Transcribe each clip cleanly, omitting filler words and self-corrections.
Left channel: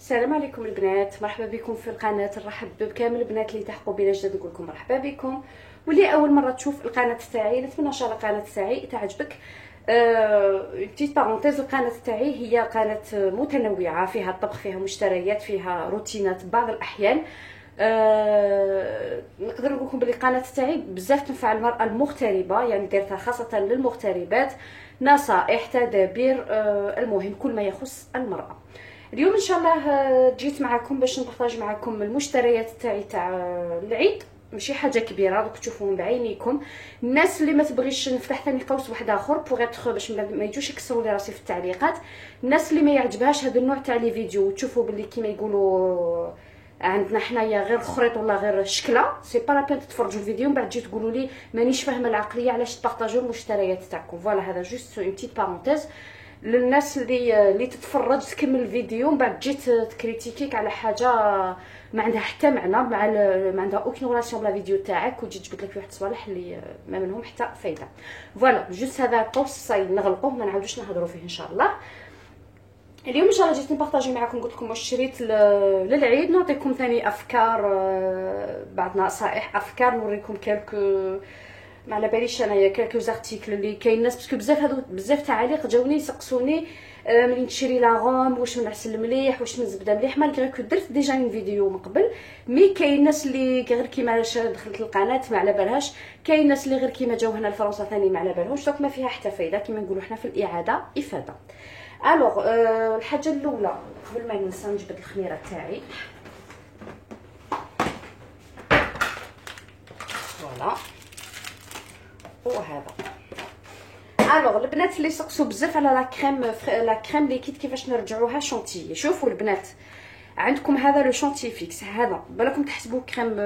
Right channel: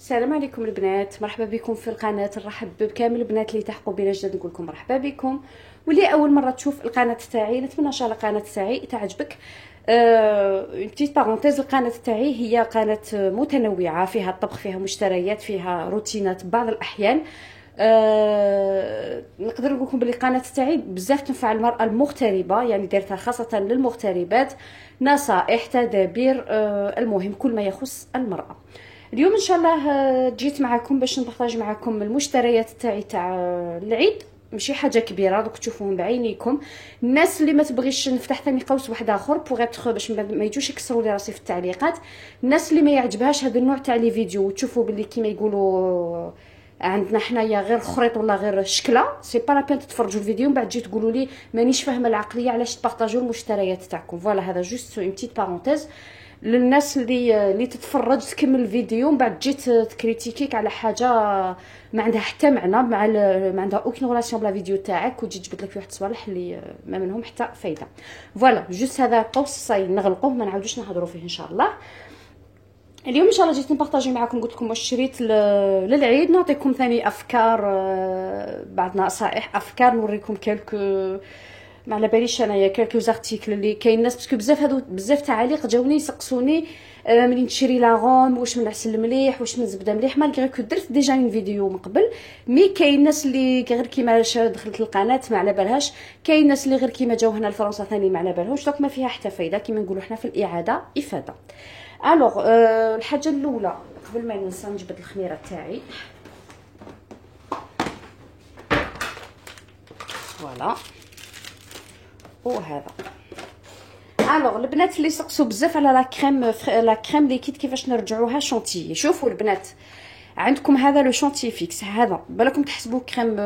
السلام عليكم البنات، مرحبا بكم في القناه. نرحب بكامل البنات اللي تحقوا بنا جديد، نقول لكم مرحبا بكم. واللي اول مره تشوف القناه تاعي نتمنى ان شاء الله القناه تاعي تعجبك. بتيت بارونتيز، القناه تاعي هي قناه متنوعه، فيها الطبخ، فيها مشتريات، فيها روتينات بعض الاحيان. نقدر نقول لكم بلي القناه تاعي بزاف تنفع المراه المغتربه، يعني دارتها خاصه للمغتربات، نصائح، تدابير، المهم كل ما يخص المراه. اليوم ان شاء الله جيت معكم باش نبارطاج معكم المشتريات تاعي تاع العيد. ماشي حاجه كبيره، دوك تشوفوهم بعينيكم. الناس اللي ما تبغيش نفتح ثاني قوس واحد اخر بوغ باش ما يجوش يكسروا لي راسي في التعليقات. الناس اللي ما يعجبهاش هذا النوع تاع لي فيديو تشوفوا باللي كيما يقولوا عندنا حنايا غير خريط ولا غير شكله، سي با لا بين تتفرجوا الفيديو من بعد تجي تقولوا لي مانيش فاهمه العقليه علاش تبارطاجوا المشتريات تاعكم. فوالا، هذا جوست اون بتيت بارونتيز للناس اللي تتفرج تكمل الفيديو من بعد تجي تكريتيكيك على حاجه ما عندها حتى معنى، ما عندها اوكين ريلاسيون بلا فيديو تاعك، وتجي تجبد لك فيه واحد الصوالح اللي ما منهم حتى فايده. فوالا، جوست هذا قوس صاي نغلقوه، ما نعاودوش نهضروا فيه ان شاء الله. اليوم ان شاء الله جيت نبارطاجي معكم، قلت لكم واش شريت للعيد، نعطيكم ثاني افكار، بعض نصائح، افكار، نوريكم كالكو ما على باليش انايا كالكو زارتيكل اللي كاين الناس، باسكو بزاف تعاليق جاوني يسقسوني منين تشري لاغوم، واش من عسل مليح، واش من زبده مليح، مالغري كو درت ديجا اون فيديو من قبل. مي كاين الناس اللي غير كيما دخلت القناه ما على بالهاش، كاين الناس اللي غير كيما جاو هنا لفرنسا ثاني ما على بالهمش، دونك ما فيها حتى فايده، كيما نقولوا حنا في الاعاده افاده. الوغ الحاجه الاولى قبل ما ننسى نجبد الخميره تاعي. فوالا، وهذا الوغ البنات اللي سقسوا بزاف على لا كريم ليكيد كيفاش نرجعوها شونتيي. شوفوا البنات، عندكم هذا لو شونتيي فيكس، هذا بالكم تحسبوا كريم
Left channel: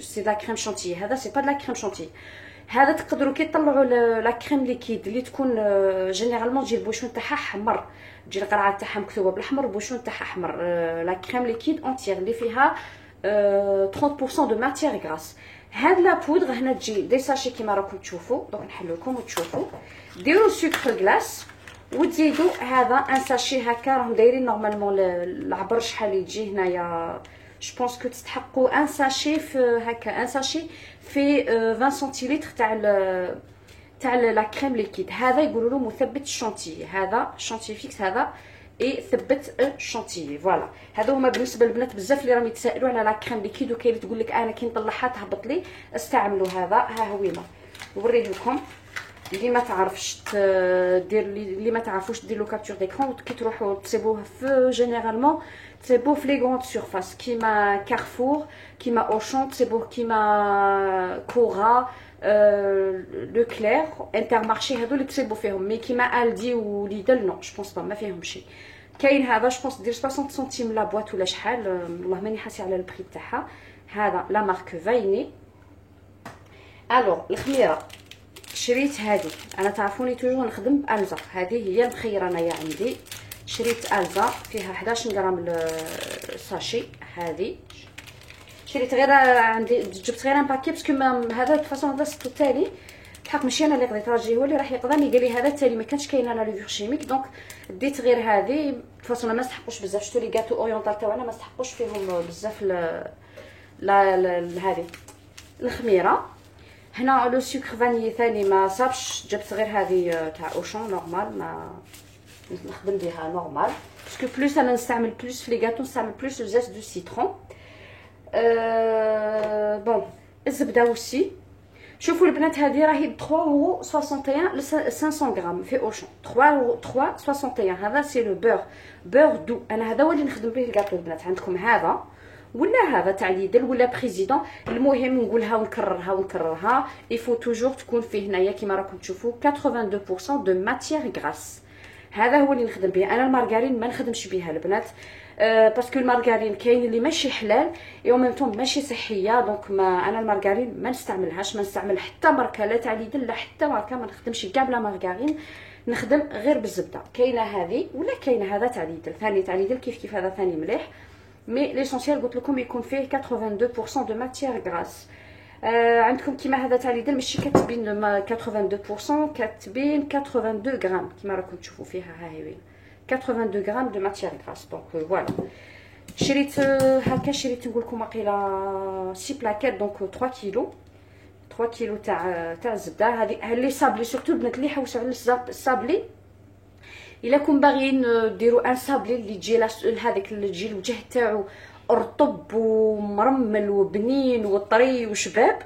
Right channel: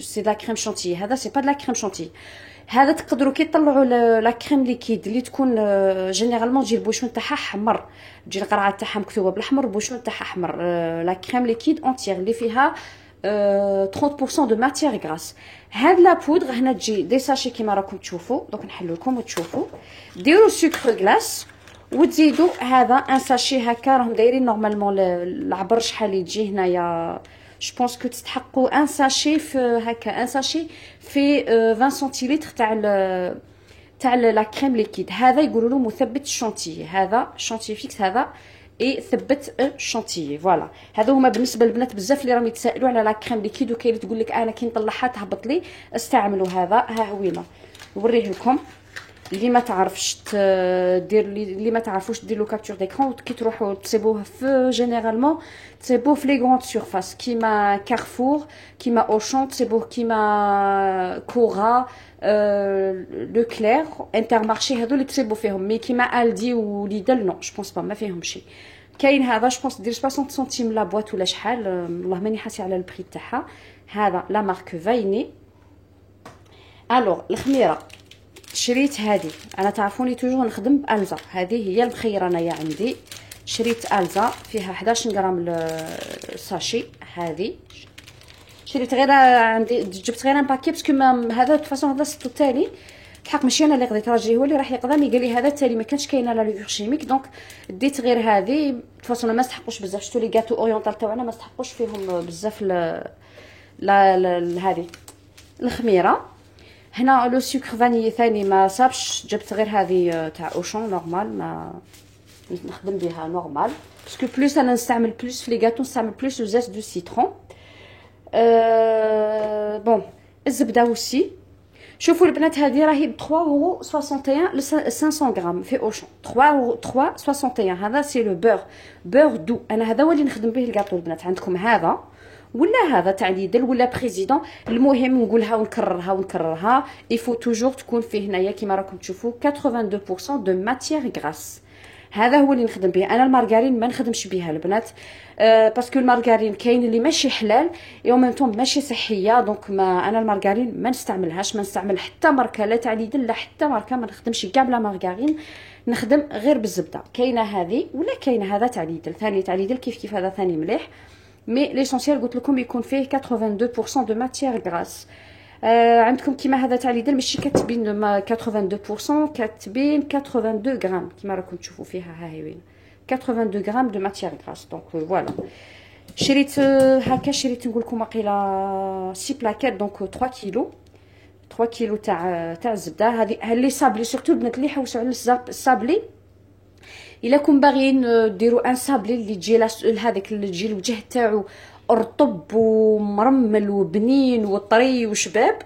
سي لا كريم شونتيي، هذا سي با لا كريم شونتيي. هذا تقدروا كي تطلعوا لا كريم ليكيد اللي تكون جينيرالمون تجي البوشون تاعها حمر، تجي القرعه تاعها مكتوبه بالاحمر، البوشون تاعها احمر. لا كريم ليكيد اونتيير اللي فيها 30% دو ماتيير غراس. هاد لا بودغ هنا تجي دي ساشي كيما راكم تشوفوا، دوك نحل لكم وتشوفوا. ديروا سكر غلاس وتزيدوا هذا ان ساشي هكا، راهم دايرين نورمالمون العبر شحال يجي هنايا. جو بونس كو تستحقوا ان ساشي في هكا، ان ساشي في 20 سنتيلتر تاع لا كريم ليكيد. هذا يقولوا له مثبت الشونتيي، هذا شونتيي فيكس، هذا اي ثبت الشونتيي. فوالا، هذو هما بالنسبه للبنات بزاف اللي راهم يتسائلوا على لا كريم ليكيد، وكاين اللي تقول لك انا كي نطلعها تهبط لي، استعملوا هذا. ها هوينا نوريه لكم، اللي ما تعرفش دير اللي ما تعرفوش دير له كابتور ديكرون، كي تروحوا تصيبوه في جينيرالمون تصيبوه في لي غروند سورفاس كيما كارفور، كيما اوشون، تصيبوه كيما كورا، لو كلير، انترمارشي، هادو اللي تصيبوا فيهم. مي كيما الدي وليدل نو، جو بونس با، ما فيهمش. كاين هذا جو بونس دير 60 سنتيم لا بواط ولا شحال، والله ماني حاسه على البري تاعها. هذا لا مارك فايني. الوغ الخميره شريت هذه، انا تعرفوني توجور نخدم بالزا، هذه هي المخيره انايا عندي. شريت الزا فيها 11 غرام الساشي. هذه شريت غير عندي، جبت غير ان باكي باسكو هذا فاصون هذا ستو تالي الحق ماشي انا اللي قضيت، راجلي هو اللي راح يقضى، قال لي هذا التالي ما كانش كاينه لا لوفر شيميك، دونك ديت غير هذه. فاصون ما استحقوش بزاف، شفتوا لي غاتو اورينتال تاعنا ما استحقوش فيهم بزاف لا هذه الخميره. هنا لو سكر فاني ثاني ما صابش، جبت غير هذه تاع اوشون نورمال، ما نخدم بها نورمال، باسكو بلوس انا نستعمل بلوس في لي غاتو، نستعمل بلوس لو زيت دو سيترون. بون الزبده وسي. شوفوا البنات، هذه راهي ب 3.61 ل 500 غرام في اوشون، 3.61. هذا سي لو بور دو، انا هذا هو اللي نخدم به الكاطو البنات. عندكم هذا ولا هذا تاع ليدل ولا بريزيدون، المهم نقولها ونكررها يفو توجور تكون فيه هنايا كيما راكم تشوفوا 82% دو ماتيير غراس. هذا هو اللي نخدم به انا. المارغرين ما نخدمش بها البنات، باسكو المارغرين كاين اللي ماشي حلال او ميم طون ماشي صحيه، دونك ما انا المارغرين ما نستعملهاش، ما نستعمل حتى ماركه لا تاع ليدل لا حتى ماركه، ما نخدمش كاع بلا مارغرين، نخدم غير بالزبده. كاينه هذه ولا كاينه هذا تاع ليدل، ثاني تاع ليدل كيف هذا ثاني مليح، مي ليسونسيال قلت لكم يكون فيه 82% دو ماتيير غراس. عندكم كيما هذا تاع ليدل ماشي كاتبين 82%، كاتبين 82 غرام كيما راكم تشوفوا فيها. ها هي وين 82 غرام دو ماتيير غراس. دونك فوالا شريت هكا، شريت نقول لكم واقيلا 6 بلاكيت، دونك 3 كيلو 3 كيلو تاع الزبده. هذه اللي صابلي سورتو البنات اللي يحوسوا على الصابلي. الا كون باغيين ديروا ان صابلي اللي تجي هذاك اللي تجي الوجه تاعو رطب ومرمل وبنين وطري وشباب،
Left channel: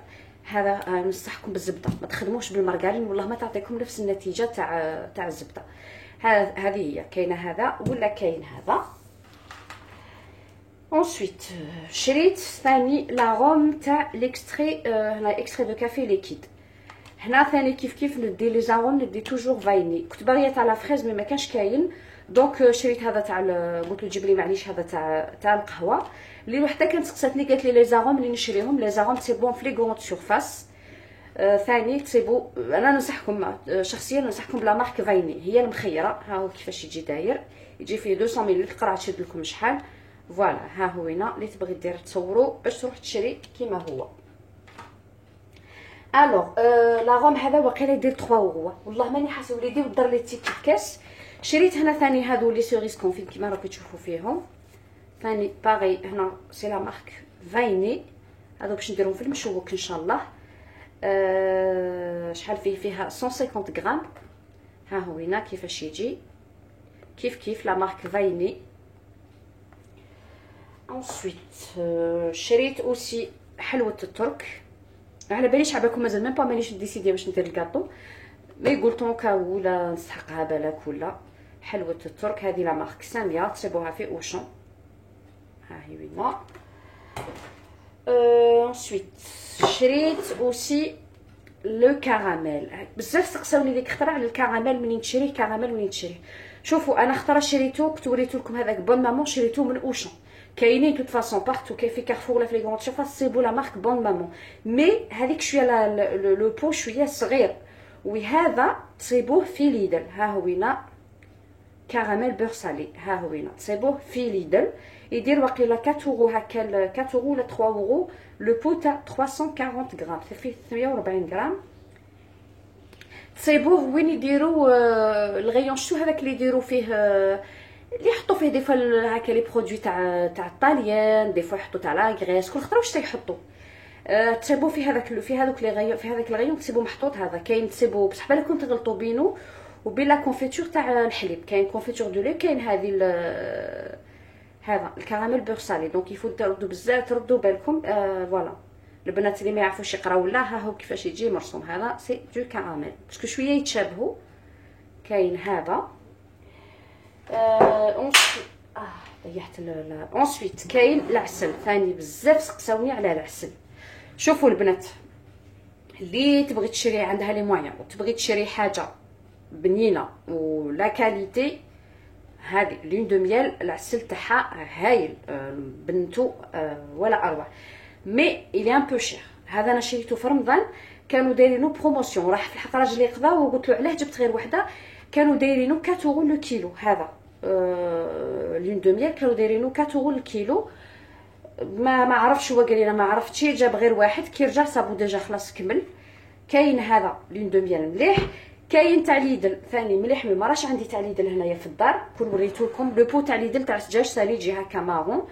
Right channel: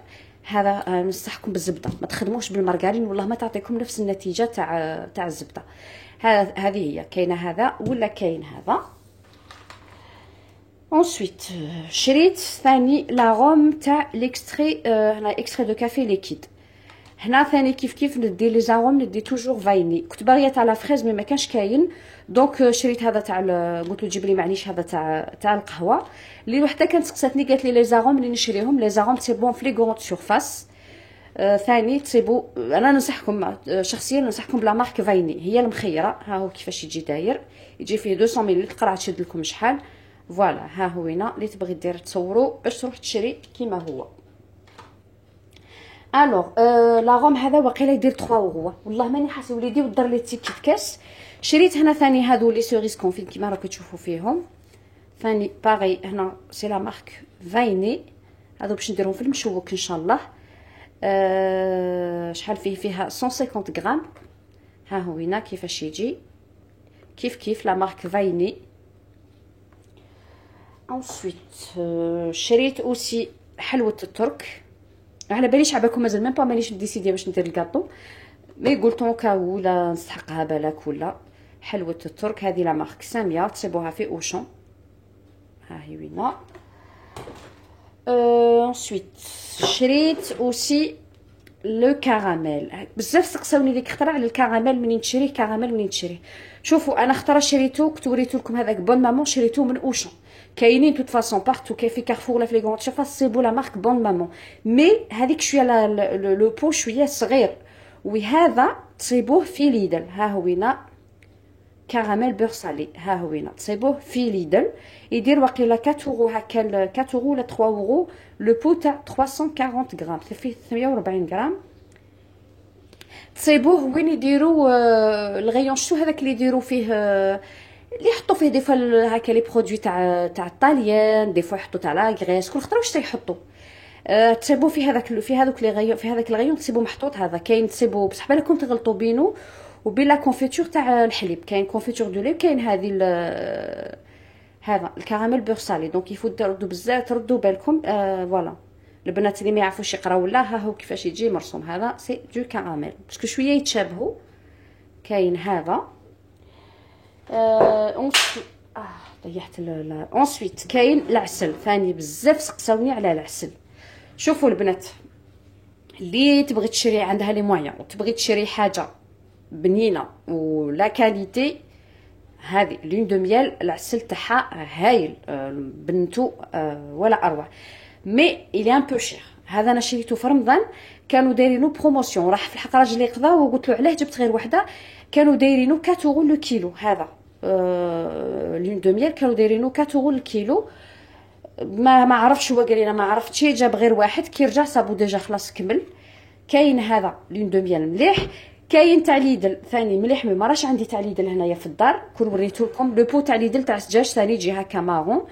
هذا ننصحكم بالزبده. ما تخدموش بالمارغرين، والله ما تعطيكم نفس النتيجه تاع الزبده. هذه هي كاينه هذا ولا كاين هذا. انسويت شريت ثاني لاغوم تاع ليكستري، هنا اكستري دو كافي ليكيد. هنا ثاني كيف ندي لي زاغوم، ندي توجور فايني. كنت باغيه تاع لا فريز مي ما كانش كاين، دونك شريت هذا تاع قلت له جيب لي معليش هذا تاع القهوه. اللي وحده كانت سقساتني قالت لي لي زاغوم اللي نشريهم، لي زاغوم سي بون في لي غروند سورفاس. ثاني تسيبو، انا ننصحكم شخصيا ننصحكم بلا مارك فايني، هي المخيره. ها هو كيفاش يجي داير، يجي فيه 200 ملل، راه تشد لكم شحال. فوالا ها هو هنا اللي تبغي دير تصوروا باش تروح تشري كيما هو. الوغ لاغوم هذا واقيلا يدير 3 اورو، والله ماني حاسه وليدي ودار لي تيكيت كاس. شريت هنا ثاني هادو لي سوريس كونفيت كيما راكم تشوفوا فيهم. ثاني باغي هنا سي لا مارك فايني، هادو باش نديرهم في المشوك ان شاء الله. شحال فيها 150 غرام. ها هو هنا كيفاش يجي، كيف لا مارك فايني. انسويت شريت اوسي حلوه الترك. على باليش عباكم مازال ميم با مانيش ديسيدي واش ندير الكاطو، مي قلت اونكا ولا نستحقها بالك ولا. حلوه الترك هذه لا مارك ساميه، تصيبوها في اوشون. ها هي وينا. انسويت شريت اوسي لو كراميل. بزاف سقساوني ديك الخطره على الكراميل، منين تشريه كراميل منين تشريه. شوفوا انا خطره شريته، كنت وريت لكم هذاك بون مامون، شريته من اوشون. كاينين توت فاصون بارتو، كاين في كارفور ولا في لي غروند سيرفاس، سيبو لا مارك بون مامون. مي هذيك شويه لو بو شويه صغير، وهذا تصيبوه في ليدل. ها هو هنا كراميل بور سالي، ها هو هنا تصيبوه في ليدل. يدير واقيلا 4 اورو هكا، 4 اورو ولا 3 اورو. لو بو تاع 340 غرام، فيه 140 غرام. تصيبوه وين يديروا الغيون شتو هذاك اللي يديروا فيه، اللي يحطوا فيه دي فوا هكا لي برودوي تاع الطاليان، دي فوا يحطوا تاع لا غريس، كل خطره واش تيحطوا. تصيبوا في هذاك في هذوك لي غيون، في هذاك الغيون تصيبوا محطوط هذا. كاين تصيبوا بصح بالكم تغلطوا بينو وبين لا كونفيتور تاع الحليب. كاين كونفيتور دو لي، كاين هذه هذا الكراميل بور سالي. دونك يفوت تردوا بزاف، تردوا بالكم. فوالا البنات اللي ما يعرفوش يقراو لا، ها هو كيفاش يجي مرسوم. هذا سي دو كراميل باسكو شويه يتشابهوا. كاين هذا ضيعت انسويت كاين العسل ثاني. بزاف سقساوني على العسل. شوفوا البنات اللي تبغي تشري عندها لي مويان وتبغي تشري حاجه بنينه ولا كاليتي، هذه لون دو ميال العسل تاعها هايل، بنتو ولا اروع. مي الي ان بو شير. هذا انا شريته في رمضان، كانوا دايرينو بروموسيون. راح في الحق راجلي قضا وقلت له علاه جبت غير وحده، كانوا دايرينو 4 اورو لو كيلو. هذا لون دو ميال كانوا دايرينو 4 اورو الكيلو. ما عرفتش، هو قال لي انا ما عرفتش، جاب غير واحد كي رجع صابو ديجا خلاص كمل. كاين هذا لون دو ميال مليح. كاين تاع ليدل ثاني مليح، ما راش عندي تاع ليدل هنايا في الدار، كون وريتو لكم لو بو تاع ليدل تاع السجاج ثاني يجي هكا مارون.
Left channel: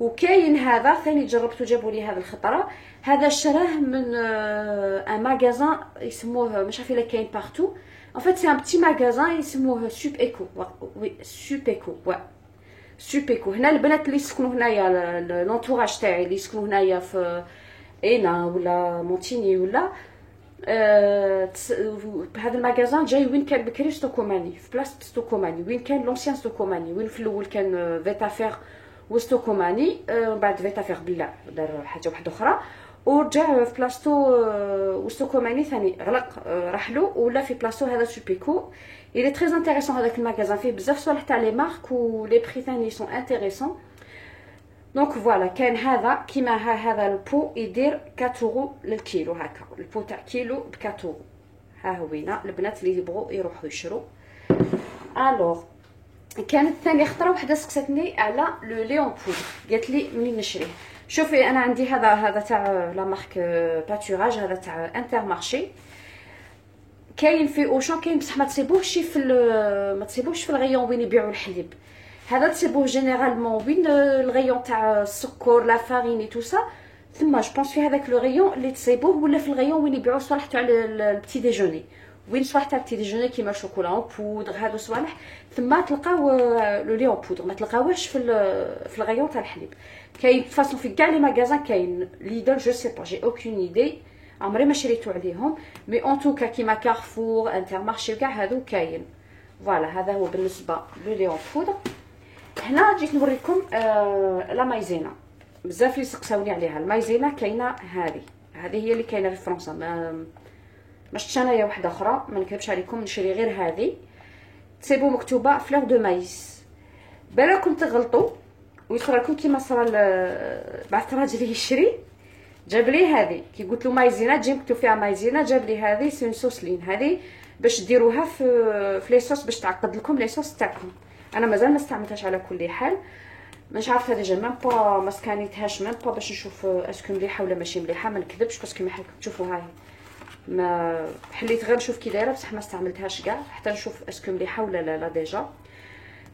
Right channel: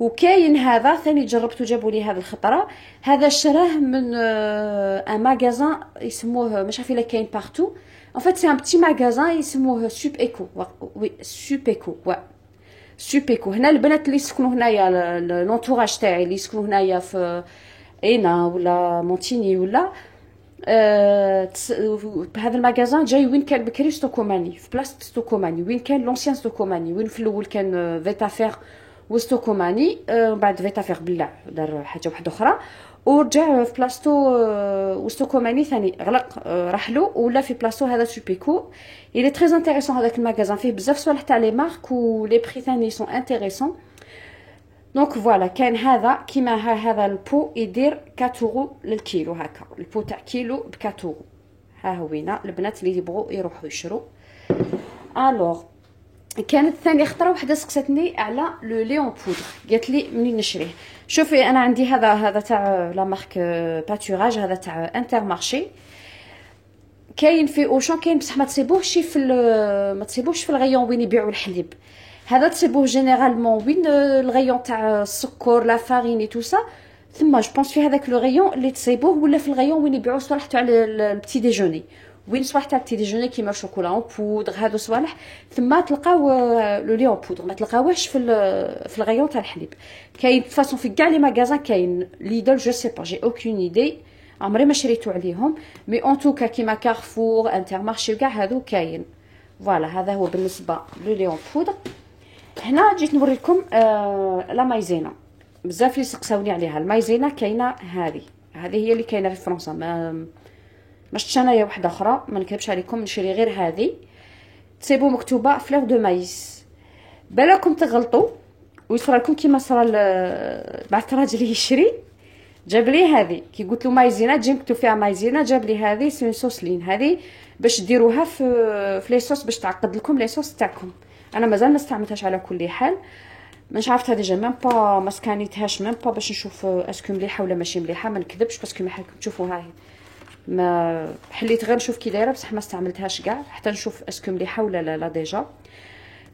وكاين هذا ثاني جربته، جابوا لي هذا الخطره. هذا شراه من ان ماغازان يسموه مش عارفه الا كاين بارتو. ان فيت سي ان بتي ماغازان يسموه سوب ايكو. وي سوب ايكو، سوب ايكو. هنا البنات اللي يسكنوا هنايا، لونطوراج تاعي اللي يسكنوا هنايا في اينا ولا مونتيني ولا هذا الماغازان جاي وين كان بكري ستوكوماني، في بلاصه ستوكوماني وين كان لونسيان ستوكوماني، وين في الاول كان فيتافير وستوكوماني. بعد فيتافير بلع دار حاجه واحده اخرى ورجع في بلاصتو وستوكوماني ثاني غلق، رحلو ولا في بلاصتو هذا سوبيكو. il est très intéressant هذاك الماغازان، فيه بزاف صوالح تاع لي مارك و لي بري ثاني سون انتريسون. دونك فوالا كاين هذا كيما هذا البو يدير 4 اورو للكيلو هكا، البو تاع كيلو ب 4 اورو. ها هو هنا البنات اللي يبغوا يروحوا يشرو. الوغ كانت ثاني خطره وحده سقساتني على لو ليون بودر، قالت لي منين نشريه. شوفي انا عندي هذا تاع لا مارك باتوراج، هذا تاع انتر مارشي. كاين في اوشون كاين بصح ما تصيبوهش ما تصيبوهش في الغيون وين يبيعوا الحليب. هذا تصيبوه جينيرالمون وين الغيون تاع السكر لا فارين تو سا، ثم جو بونس في هذاك لو غيون اللي تصيبوه، ولا في الغيون وين يبيعوا صوالح تاع البتي ديجوني، وين صوالح تاع البتي ديجوني كيما الشوكولا اون بودر هادو صوالح، ثم تلقاو لو لي اون بودر، ما تلقاوهش في الغيون تاع الحليب. كاين فاصون في كاع لي ماغازان، كاين ليدل جو سي با جي اوكين ايدي، عمري ما شريتو عليهم، مي اون توكا كيما كارفور انتر مارشي وكاع هادو كاين. فوالا هذا هو بالنسبه لو لي اون بودر. هنا جيت نوريكم لا مايزينا، بزاف اللي سقساوني عليها. المايزينا كاينه هذه هي اللي كاينه في فرنسا، ما شفتش انايا واحده اخرى، ما نكذبش عليكم، نشري غير هذه. تصيبوا مكتوبه فلور دو مايس، بالكم تغلطوا ويصرى لكم كيما صرا بعث راجلي يشري، جاب لي هذه كي قلت له مايزينا تجي مكتوب فيها مايزينا، جاب لي هذه سون سوسلين، هذه باش ديروها في لي صوص باش تعقد لكم لي صوص تاعكم. انا مازال ما استعملتهاش على كل حال، مش عرفتها ديجا ميم با ما سكانيتهاش ميم با باش نشوف اسكو مليحه ولا ماشي مليحه، ما نكذبش باسكو ما حالكم تشوفوها هي، ما حليت غير نشوف كي دايره بصح ما استعملتهاش كاع حتى نشوف اسكو مليحه ولا لا ديجا.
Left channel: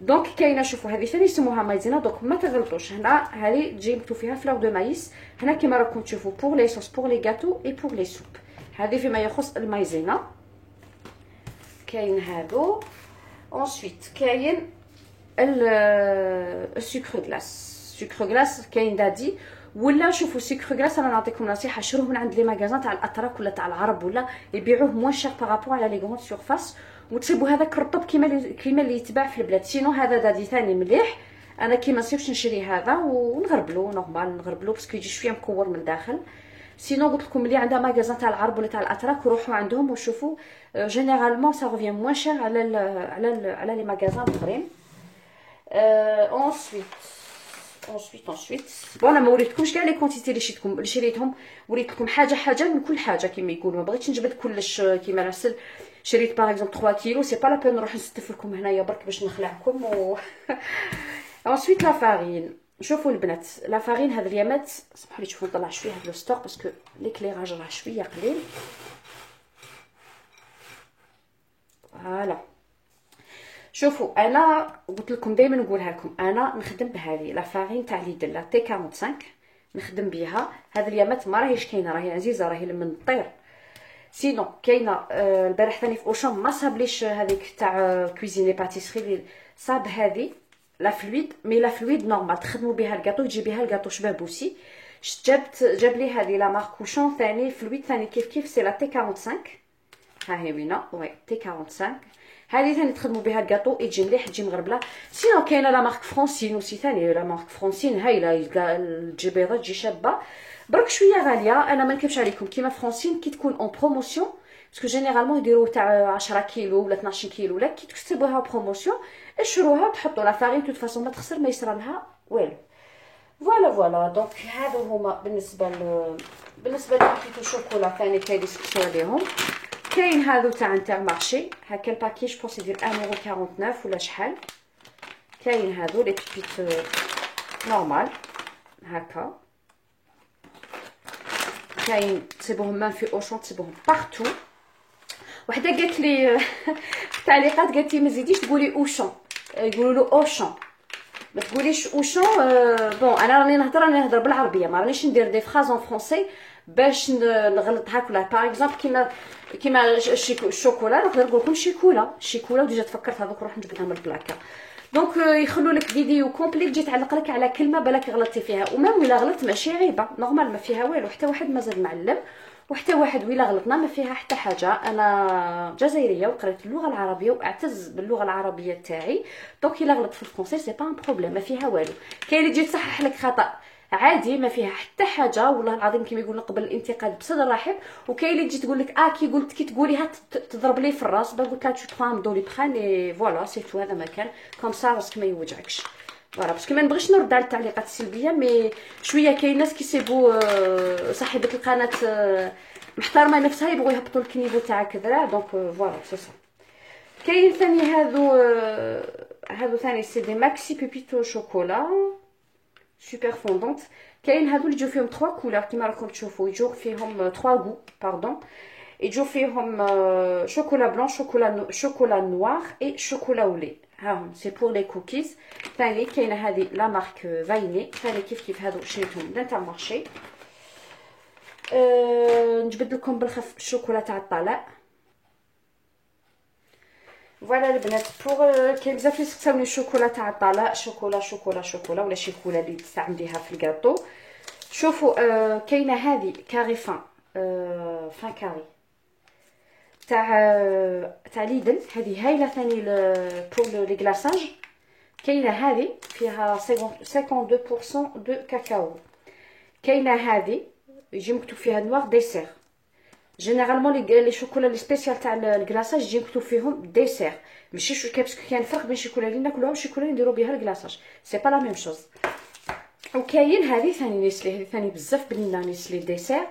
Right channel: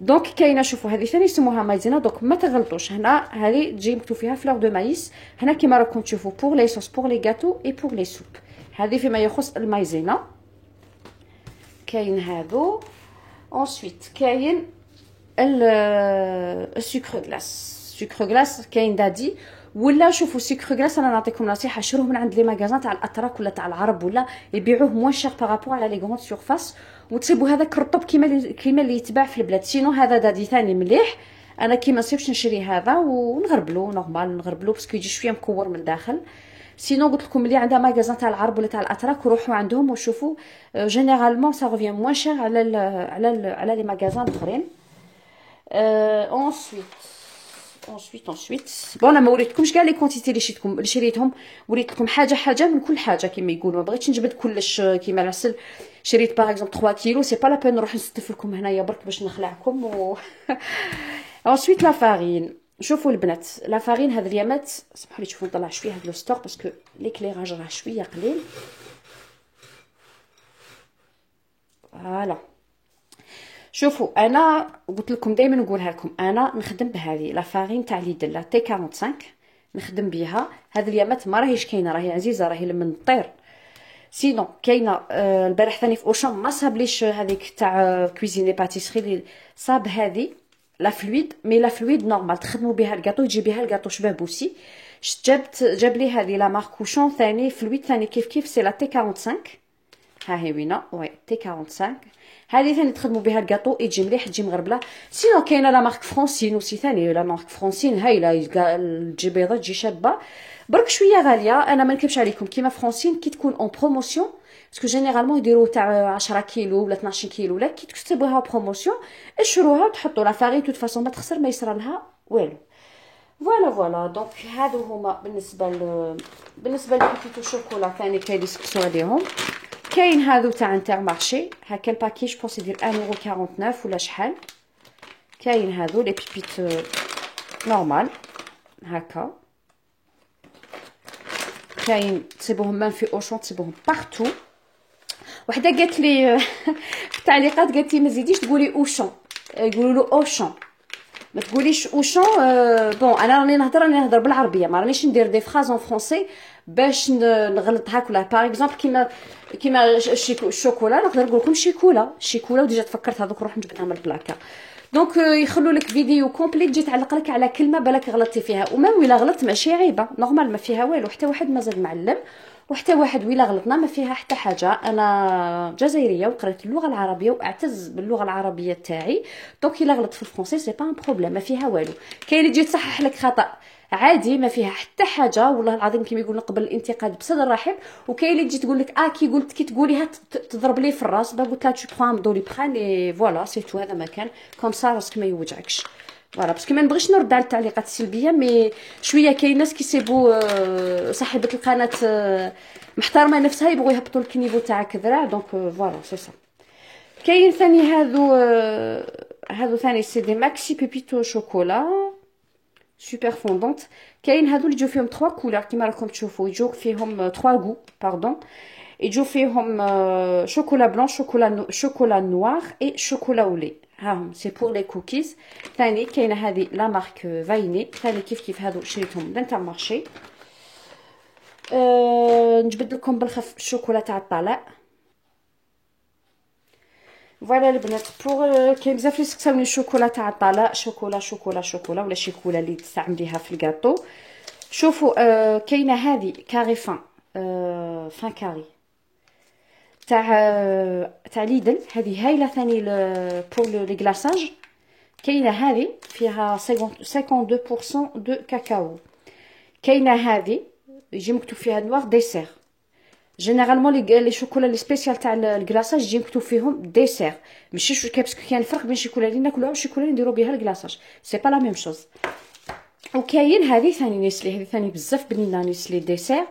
دونك كاينه شوفوا هذه ثاني يسموها مايزينا، دونك ما تغلطوش. هنا هذه تجي مكتوب فيها فلور دو مايس، هنا كيما راكم تشوفوا بور لي صوص بور لي غاتو اي بور لي سوب، هذه فيما يخص المايزينا. كاين هادو انسويت كاين السكر غلاس، سكر غلاس كاين دادي ولا شوفوا سكر غلاس. انا نعطيكم نصيحه، شروه من عند لي ماغازان تاع الاتراك ولا تاع العرب، ولا يبيعوه موان شير بارابور على لي غروند سورفاس، وتصيبوا هذاك الرطب كيما اللي يتباع في البلاد. سينو هذا دادي ثاني مليح، انا كيما نصيبش نشري هذا ونغربلو نورمال، نغربلو باسكو يجي شويه مكور من الداخل. سينو قلت لكم اللي عندها ماغازان تاع العرب ولا تاع الاتراك وروحوا عندهم وشوفوا، جينيرالمون سا ريفيان موان شير على لي ماغازان الاخرين. ensuite بون انا ما وريتكمش كاع لي كونتيتي اللي شريتهم، وريت لكم حاجه من كل حاجه كيما يقولوا، ما بغيتش نجبد كلش كيما نسل. شريت باغ اكزومبل 3 كيلو، سي با لا بين نروح نستف لكم هنايا برك باش نخلعكم ensuite لا فارين. شوفوا البنات لا فارين هاد اليامات سمحوا لي تشوفوا نطلع شويه هاد لو ستوك باسكو ليكليراج راه شويه قليل. فوالا شوفوا انا قلت لكم دائما نقولها لكم، انا نخدم بهذه لا فارين تاع ليدل لا تي 45 نخدم بها. هذه اليامات ما راهيش كاينه، راهي عزيزه، راهي لمن الطير. سينو كاينه البارح ثاني في اوشون ما صابليش هذيك تاع كويزيني باتيسري، صاب هذه لا فلويد، مي لا فلويد نورمال تخدموا بها الكاطو، تجي بها الكاطو شبه بوسي. جاب لي هذه لا مارك اوشون ثاني فلويد ثاني كيف سي لا تي 45، ها هي وينه وي تي 45. هذه ثاني تخدموا بها الكاطو يجي مليح تجي مغربله. سينو كاينه لا مارك فرونسين وسي ثاني، لا مارك فرونسين هايله تجي بيضه تجي شابه، برك شويه غاليه. انا ما نكذبش عليكم كيما فرونسين كي تكون اون بروموسيون، باسكو جينيرالمون يديروا تاع 10 كيلو ولا 12 كيلو، ولا كي تكتبوها بروموسيون اشروها وتحطوا لا فارين توت فاصون ما تخسر ما يصرى لها والو. فوالا دونك هادو هما بالنسبه للبيتيتو شوكولا ثاني كاين يسقسوا عليهم. كاين هادو تاع انتر مارشي، هكا الباكيج بونس يدير 1.49 ولا شحال. كاين هادو لي بيبيت نورمال هكا، كاين تصيبوهم مان في اوشون تصيبوهم بارتو. وحده قالت لي في التعليقات قالت لي ما تزيديش تقولي اوشون، يقولوا له اوشون ما تقوليش اوشون. بون انا راني نهضر بالعربيه، ما رانيش ندير دي فراز اون فرونسي باش نغلط هاك ولا. باغ اكزومبل كيما الشوكولا نقدر نقول لكم شيكولا وديجا تفكرت هذوك نروح نجبدها من البلاكه. دونك يخلوا لك فيديو كومبليت تجي تعلق لك على كلمه بالك غلطتي فيها، وما ولا غلط ماشي عيبه نورمال ما فيها والو، حتى واحد مازال معلم وحتى واحد ولا غلطنا ما فيها حتى حاجه. انا جزائريه وقريت اللغه العربيه واعتز باللغه العربيه تاعي، دونك الا غلط في الفرنسي سي با ان بروبليم ما فيها والو. كاين اللي تجي تصحح لك خطا عادي ما فيها حتى حاجه، والله العظيم كيما يقولوا قبل الانتقاد بصدر رحب. وكاين اللي تجي تقول لك كي تقوليها تضرب لي في الراس، قلت لها تو برون دو لي بران اي فوالا سي تو، هذا مكان كوم سا باسكو ما يوجعكش. فوالا باسكو ما نبغيش نرد على التعليقات السلبيه، مي شويه كاين ناس كيسيبوا صاحبه القناه محترمه نفسها يبغوا يهبطوا الكنيفو تاع كذرا، دونك فوالا سي سا. كاين ثاني هادو ثاني سي دي ماكسي بيبيتو شوكولا سوبر فوندونت. كاين هادو اللي يجيو فيهم 3 كولور كيما راكم تشوفوا، يجيو فيهم 3 غو باردون. يجوا فيهم شوكولا بلون، شوكولا نوار اي شوكولا ولي. هاهم سي بور لي كوكيز. ثاني كاينه هذه لا مارك فايني، ثاني كيف هادو شريتهم من تاع المارشي. نجبد لكم بالخف الشوكولا تاع الطلاء. فوالا البنات بور كاين بزاف اللي سقساوني الشوكولا تاع الطلاء، شوكولا ولا شيكولا اللي تستعمليها في الكاطو. شوفوا كاينه هذه كاري فان كاري تاع ليدل، هذه هايله ثاني بور لي غلاصاج. كاينه هذه فيها 52% دو كاكاو. كاينه هذه يجي مكتوب فيها نوار ديسير. جينيرالمون لي شوكولا لي سبيسيال تاع الكلاصاج يجي مكتوب فيهم ديسير، ماشي باسكو كاين فرق بين الشوكولا اللي ناكلوها والشوكولا اللي نديرو بها الكلاصاج، سي با لا ميم شوز. وكاين هذه ثاني نيسلي، هذه ثاني بزاف بنينه نيسلي ديسير.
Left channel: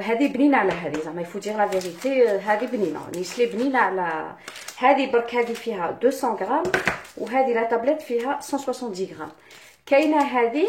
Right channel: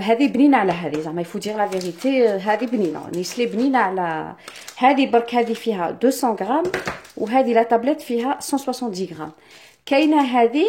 هذه بنينه على هذه، زعما يفو دير لا فيريتي، هذه بنينه نيسلي بنينه على هذه برك. هذه فيها 200 غرام وهذه لا تابلت فيها 170 غرام. كاينه هذه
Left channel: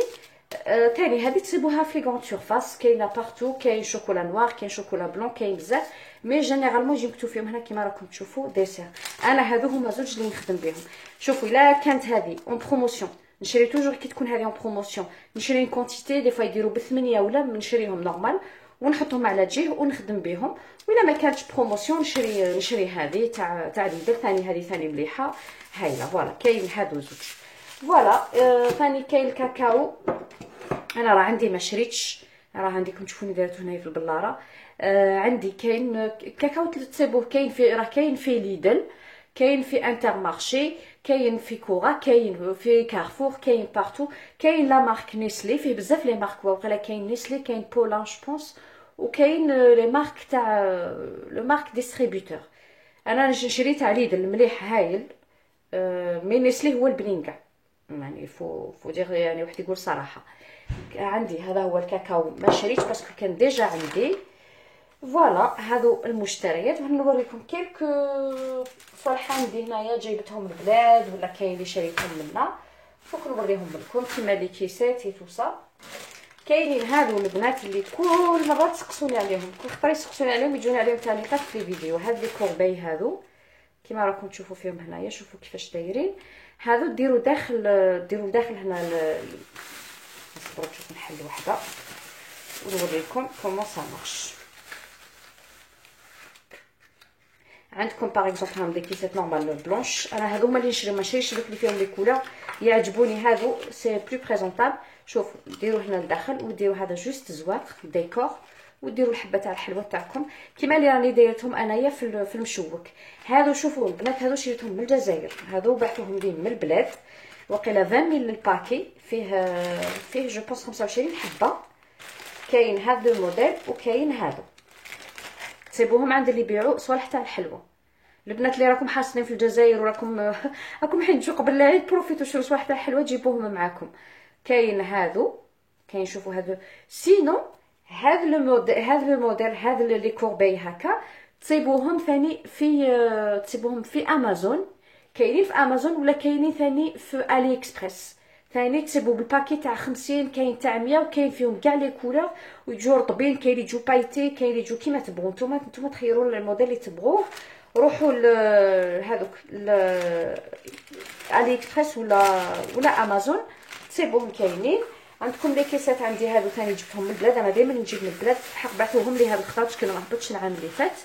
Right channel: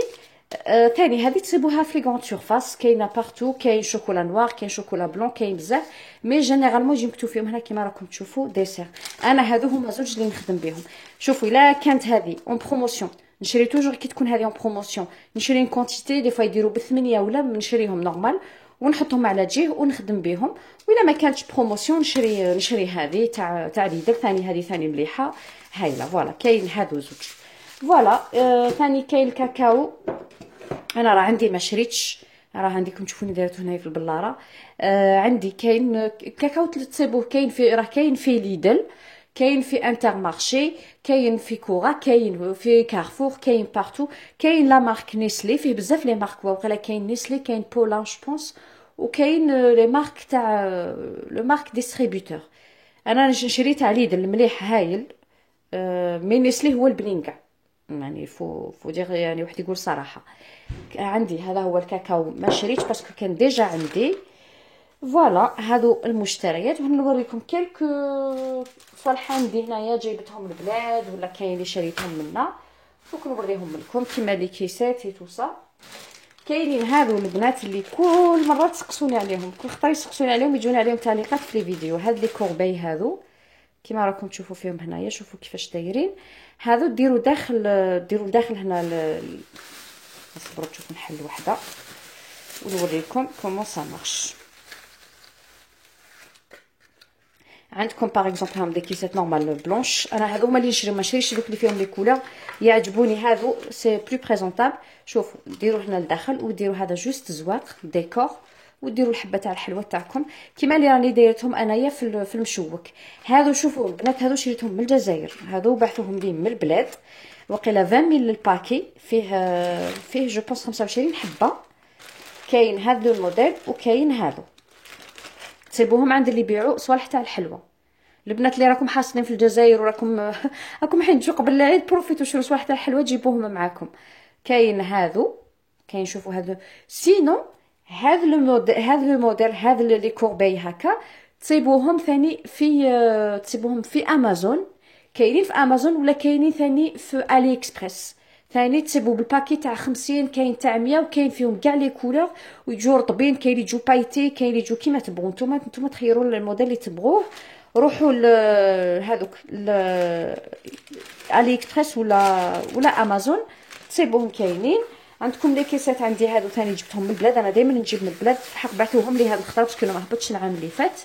ثاني، هذه تصيبوها في لي غون سورفاس، كاينه بارتو. كاين شوكولا نوار، كاين شوكولا بلون، كاين بزاف، مي جينيرالمون يجي مكتوب فيهم هنا كيما راكم تشوفوا ديسير. انا هادو هما زوج اللي نخدم بهم. شوفوا الا كانت هذه اون بروموسيون نشري توجور كي تكون هذه اون بروموسيون، نشري اون كونتيتي دي فوا يديروا ب8 ولا نشريهم نورمال ونحطهم على جهه ونخدم بهم. وإلا ما كانتش بروموسيون نشري هذه تاع ليدر ثاني، هذه ثاني مليحه هايله. فوالا كاين هادو زوج. فوالا ثاني كاين الكاكاو. انا راه عندي ما شريتش، راه عندكم تشوفوني دايرته هنايا في البلاره. عندي كاين كاكاو تصيبوه، كاين في ليدل، كاين في انترمارشي، كاين في كورا، كاين في كارفور، كاين بارتو. كاين لا مارك نيسلي، فيه بزاف لي مارك واقيلا. كاين نيسلي، كاين بولان جو بونس، وكاين لي مارك تاع لو مارك ديستريبيوتور. انا شريت على ليدل مليح هايل، مي نيسلي هو البنين كاع، يعني فو دير يعني واحد يقول صراحه. عندي هذا هو الكاكاو ما شريتش باسكو كان ديجا عندي. فوالا هادو المشتريات. نوريكم كيلكو صوالح عندي هنايا جايبتهم من البلاد ولا كاين اللي شريتهم منا، فوق نوريهم لكم كيما لي كيسات اي توسا. كاينين هادو البنات اللي كل مره تسقسوني عليهم، كل خطره يسقسوني عليهم يجوني عليهم تعليقات في لي فيديو. هاد لي كوربي هادو كيما راكم تشوفوا فيهم هنايا، شوفوا كيفاش دايرين. هادو ديروا داخل هنا نصبروا تشوف نحل وحده ونوريكم كومون سا مارش. عندكم باغ اكزومبل هام دي كيسات نورمال بلونش، انا هادو هما اللي نشري، ما شريتش دوك اللي فيهم لي كولور، يعجبوني هادو سي بلو بريزونطابل. شوفوا ديروا هنا لداخل وديروا هذا جوست زواق ديكور، وديروا الحبه تاع الحلوه تاعكم كيما اللي راني دايرتهم انايا في المشوك. هادو شوفوا البنات، هادو شريتهم من الجزائر، هادو بعثوهم لي من البلاد، وقيلا 20 ميل الباكي، فيه جو بونس 25 حبه. كاين هذا الموديل وكاين هادو، تصيبوهم عند اللي يبيعوا صوالح تاع الحلوه. البنات اللي راكم حاصلين في الجزائر وراكم حين تجوا قبل العيد بروفيتو شرو صوالح تاع الحلوه تجيبوهم معاكم. كاين هادو، كاين شوفوا هادو. سينو هذا الموديل هذا لي كوربي هكا تصيبوهم ثاني في امازون، كاينين في امازون ولا كاينين ثاني في الي اكسبريس. ثاني تصيبوا بالباكي تاع 50، كاين تاع 100، وكاين فيهم كاع لي كولور ويجوا رطبين، كاين اللي يجوا بايتي، كاين اللي يجوا كيما تبغوا نتوما تخيروا الموديل اللي تبغوه. روحوا هذوك الي اكسبريس ولا امازون تصيبوهم كاينين. عندكم لي كيسات عندي هادو ثاني جبتهم من البلاد، انا دائما نجيب من البلاد، حق بعثوهم لي هاد الخطره باش كانوا ما هبطش العام اللي فات،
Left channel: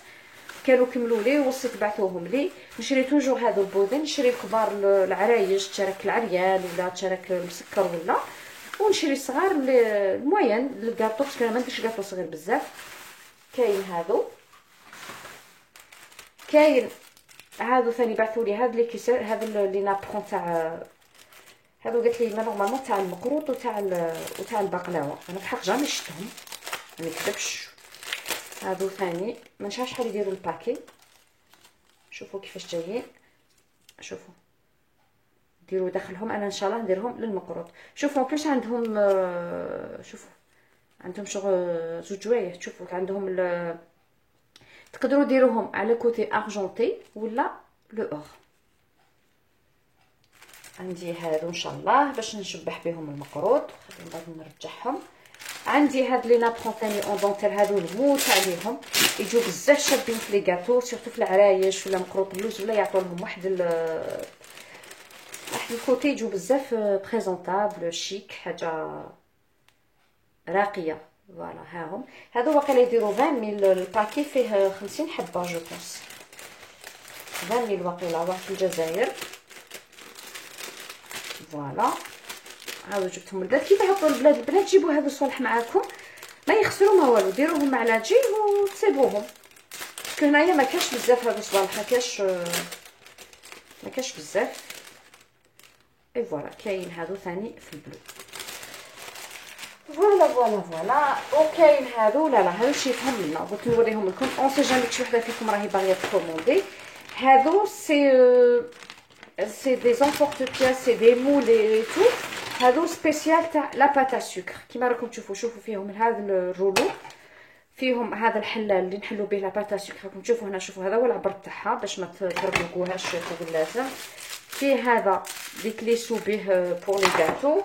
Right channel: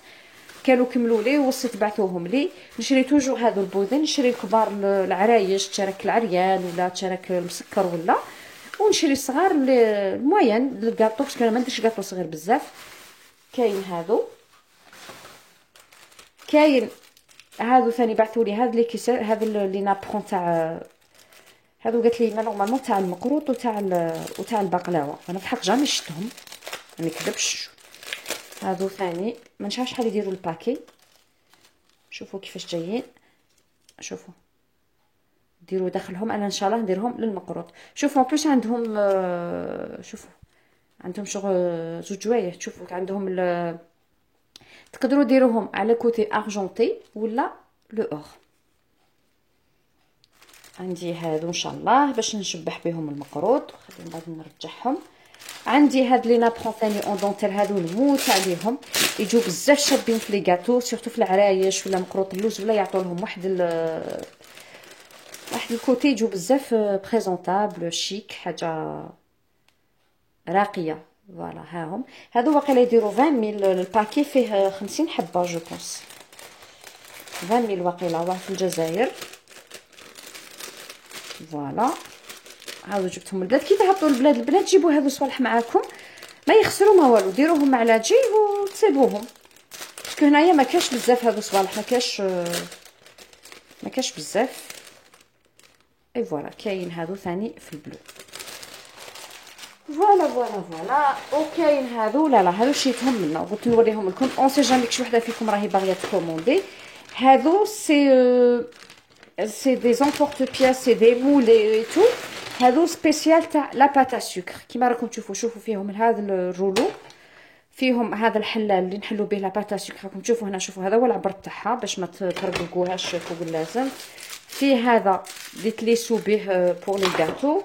كانوا كملوا لي وصيت بعثوهم لي. نشري توجور هادو البودين، نشري الكبار العرايش تشارك العريان ولا تشارك المسكر ولا، ونشري الصغار الموين للكاطو باش انا ما نديرش كاطو صغير بزاف. كاين هادو، كاين هادو ثاني بعثوا لي هاد لي كيسات، هاد لي نابرون تاع هادو قالت لي نورمالمون تاع المقروط وتاع البقلاوه، انا في الحق جامي شفتهم ما نكذبش. هادو ثاني ما نعرفش شحال يديروا الباكي، شوفوا كيفاش جايين، شوفوا ديروا داخلهم. انا ان شاء الله نديرهم للمقروط. شوفوا بلوس عندهم شوفوا عندهم شغل زوج جوايه، شوفوا عندهم تقدروا ديروهم على كوتي ارجونتي ولا لو اور. عندي هادو ان شاء الله باش نشبح بهم المقروط، من بعد نرجعهم. عندي هاد لي نابخون ثاني اون دونتيل، هادو نموت عليهم، يجيو بزاف شابين في لي غاتو سورتو في العرايش ولا مقروط اللوز، ولا يعطوا لهم واحد الكوتي، يجيو بزاف بريزونطابل شيك، حاجه راقيه. فوالا هاهم هادو واقيلا يديروا 20 ميل، الباكي فيه 50 حبه جو بونس، 20 ميل واقيلا، راه في الجزائر. فوالا هاو جبتهم البلاد. كي تهبطوا البلاد جيبوا هادو صوالح معاكم، ما يخسروا ما والو، ديروهم مع لاجي وتسيبوهم، باسكو هنايا ما كاش بزاف هادو صوالح، ما كاش بزاف. اي فوالا كاين هادو ثاني في البلو. فوالا وكاين هادو، لا هادو شيتهم لنا، قلت نوريهم لكم اون سي جامي شي وحده فيكم راهي باغيه تكوموندي. هادو سي دي زونبورت بياس، سي دي مولي اي تو. هادو سبيسيال تاع لا باتا سكر، كيما راكم شوفوا فيهم هذا الرولو، فيهم هذا الحلال اللي نحلو به لا باتا سكر، راكم تشوفوا هنا. شوفوا هذا هو العبر تاعها باش ما ترققوهاش فوق اللازم. فيه هذا اللي تليسو به بور لي غاتو،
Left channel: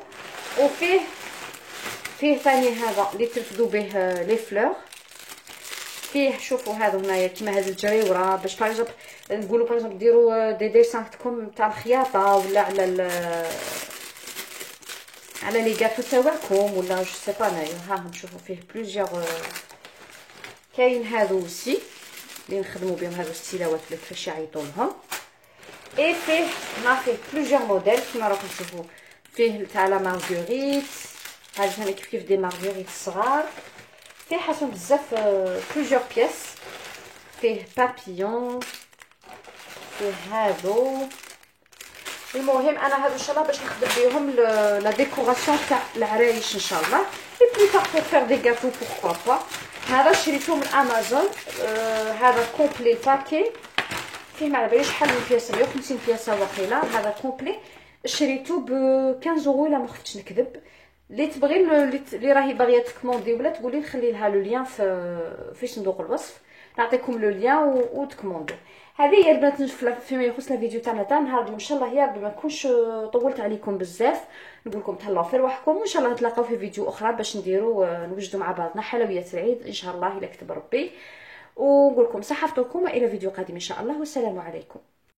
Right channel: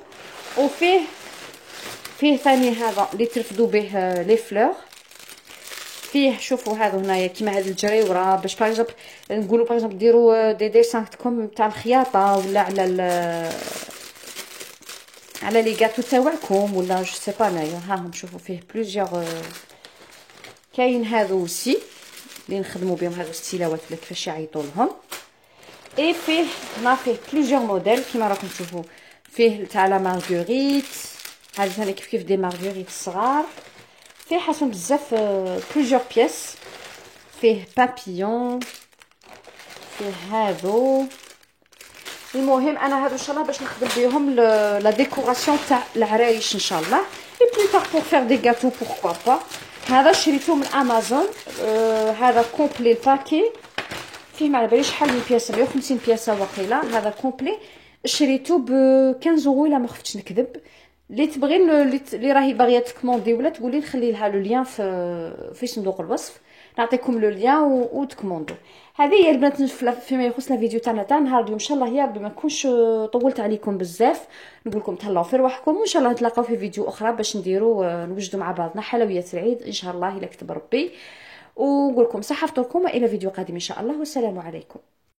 وفيه ثاني هذا اللي ترفدوا به لي فلور. فيه شوفوا هذا هنايا كيما هذا الجريوره، باش باغ نقولوا باغ ديروا دي ديسان تكم تاع الخياطه، ولا على لي غاتو تاعكم، ولا جو سي با نايا. ها شوفوا فيه بلوزيغ. كاين هذو سي اللي نخدموا بهم، هذو ستيلاوات اللي كيفاش يعيطوا لهم. اي فيه هنا فيه بلوزيغ موديل كيما راكم تشوفوا، فيه تاع لا مارغوريت، هذا ثاني كيف دي مارغوريت صغار. فيه حاسم بزاف بلوزيغ بياس، فيه بابيون، فيه هادو. المهم انا هادو ان شاء الله باش نخدم بهم لا ديكوراسيون تاع العرايش ان شاء الله، اي بلي بار بور فير دي غاتو بوركوا با. هذا شريته من امازون، هذا كومبلي الباكي، فيه ما على باليش شحال من بياسه، 150 بياسه واقيلا. هذا كومبلي شريته ب 15 اورو الا ما خفتش نكذب. اللي تبغي اللي راهي باغيه تكوموندي ولا تقولي نخلي لها لو لين في صندوق الوصف، نعطيكم لو لين وتكوموندي. هذه هي البنات فيما يخص الفيديو تاعنا تاع النهار اليوم. ان شاء الله يا ربي ما نكونش طولت عليكم بزاف، نقول لكم تهلاو في رواحكم، وان شاء الله نتلاقاو في فيديو اخرى باش نوجدوا مع بعضنا حلويات العيد ان شاء الله الا كتب ربي. ونقول لكم صحه فطوركم، والى فيديو قادم ان شاء الله، والسلام عليكم.